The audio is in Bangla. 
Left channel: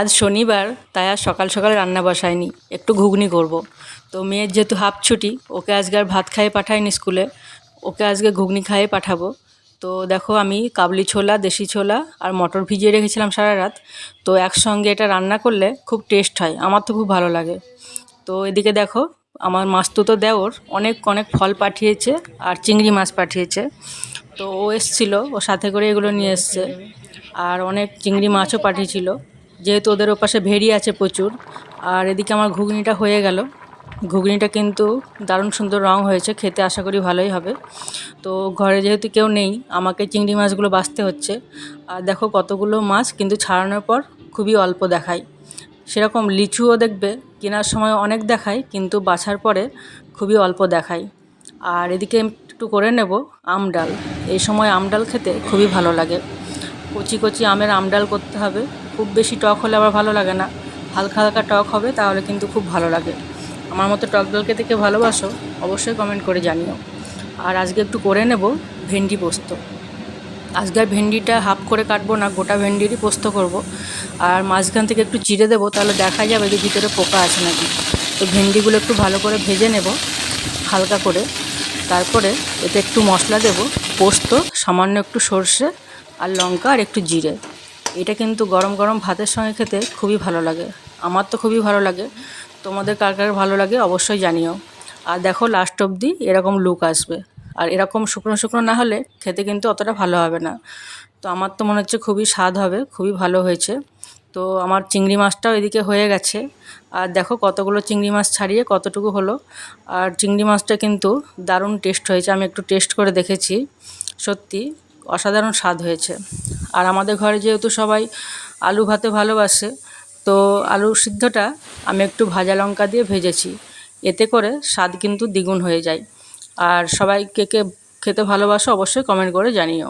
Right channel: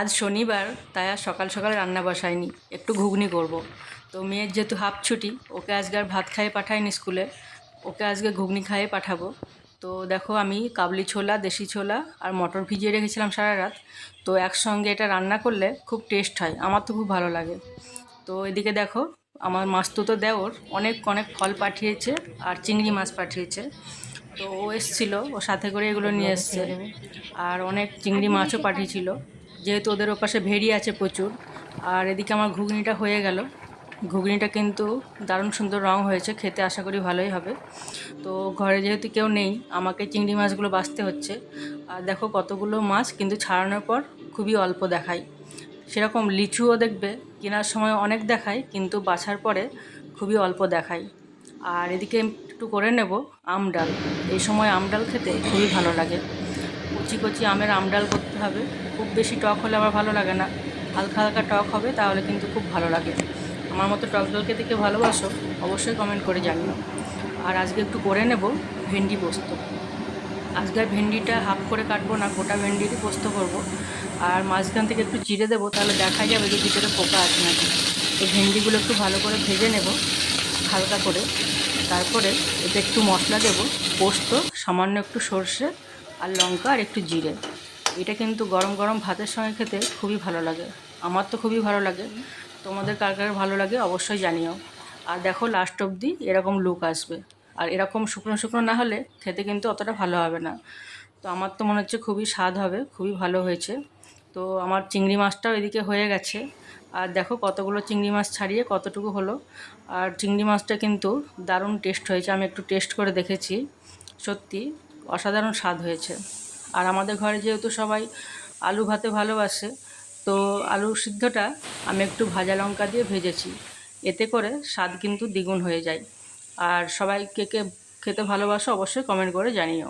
আজ শনিবার, তাই আর সকাল সকাল রান্না বসাইনি, একটু ঘুগনি করব। তো মেয়ের যেহেতু হাফ ছুটি, ওকে আজকে আর ভাত খাইয়ে পাঠাইনি স্কুলে, ওকে আজকে ঘুগনি খাইয়ে পাঠাবো। তো দেখো, আমি কাবলি ছোলা, দেশি ছোলা আর মটর ভিজিয়ে রেখেছিলাম সারা রাত। তো একসঙ্গে এটা রান্না করলে খুব টেস্ট হয়, আমার তো খুব ভালো লাগে। তো এদিকে দেখো, আমার মাস্তুতো দেওর অনেক অনেক ফল পাঠিয়েছে আর চিংড়ি মাছ পাঠিয়েছে। তো ও এসছিল, ও সাথে করে এগুলো নিয়ে এসছে। আর অনেক চিংড়ি মাছও পাঠিয়েছিল, যেহেতু ওদের ওপাশে ভেড়ি আছে প্রচুর। আর এদিকে আমার ঘুগনিটা হয়ে গেল। ঘুগনিটা কিন্তু দারুণ সুন্দর রং হয়েছে, খেতে আশা করি ভালোই হবে। তো ঘরে যেহেতু কেউ নেই, আমাকে চিংড়ি মাছগুলো বাছতে হচ্ছে। আর দেখো কতগুলো মাছ, কিন্তু ছাড়ানোর পর খুবই অল্প দেখায়। সেরকম লিচুও দেখবে, কেনার সময় অনেক দেখায়, কিন্তু বাছার পরে খুবই অল্প দেখায়। আর এদিকে একটু করে নেব আম ডাল। এই সময় আম ডাল খেতে খুবই ভালো লাগে। কচি কচি আমের আম ডাল করতে হবে। খুব বেশি টক হলে আবার ভালো লাগে না, হালকা হালকা টক হবে, তাহলে কিন্তু খুব ভালো লাগে। আমার মতো টক ডাল খেতে কে ভালোবাসো, অবশ্যই কমেন্ট করে জানিও। আর আজকে একটু করে নেব ভেন্ডি পোস্ত। আজকে আর ভেন্ডিটা হাফ করে কাটবো না, গোটা ভেন্ডিরই পোস্ত করব। আর মাঝখান থেকে একটু চিড়ে দেবো, তাহলে দেখা যাবে যে ভিতরে পোকা আছে নাকি। তো ভেন্ডিগুলো একটু ভালো করে ভেজে নেব হালকা করে। তারপরে এতে একটু মশলা দেব, পোস্ত, সামান্য একটু সর্ষে আর লঙ্কা আর একটু জিরে। এটা কিন্তু গরম গরম ভাতের সঙ্গে খেতে খুবই ভালো লাগে। আমার তো খুবই ভালো লাগে। তোমাদের কার কার ভালো লাগে অবশ্যই জানিও। আর দেখো, লাস্ট অবধি এরকম লুক আসবে। আর এরকম শুকনো শুকনো না হলে খেতে কিন্তু অতটা ভালো হবে না। তো আমার তো মনে হচ্ছে খুবই স্বাদ হবে, খুবই ভালো হয়েছে। তো আমার চিংড়ি মাছটাও এদিকে হয়ে গেছে। আর দেখো কতগুলো চিংড়ি মাছ ছাড়িয়ে কতটুকু হলো। আর চিংড়ি মাছটা কিন্তু দারুণ টেস্ট হয়েছে, আমি একটু টেস্ট করে দেখেছি। সত্যি অসাধারণ স্বাদ হয়েছে। আর আমাদের ঘরে যেহেতু সবাই আলু ভাতে ভালোবাসে, তো আলু সিদ্ধটা আমি একটু ভাজা লঙ্কা দিয়ে ভেজেছি। এতে করে স্বাদ কিন্তু দ্বিগুণ হয়ে যায়। আর সবাই কে কে খেতে ভালোবাসো অবশ্যই কমেন্ট করে জানিও।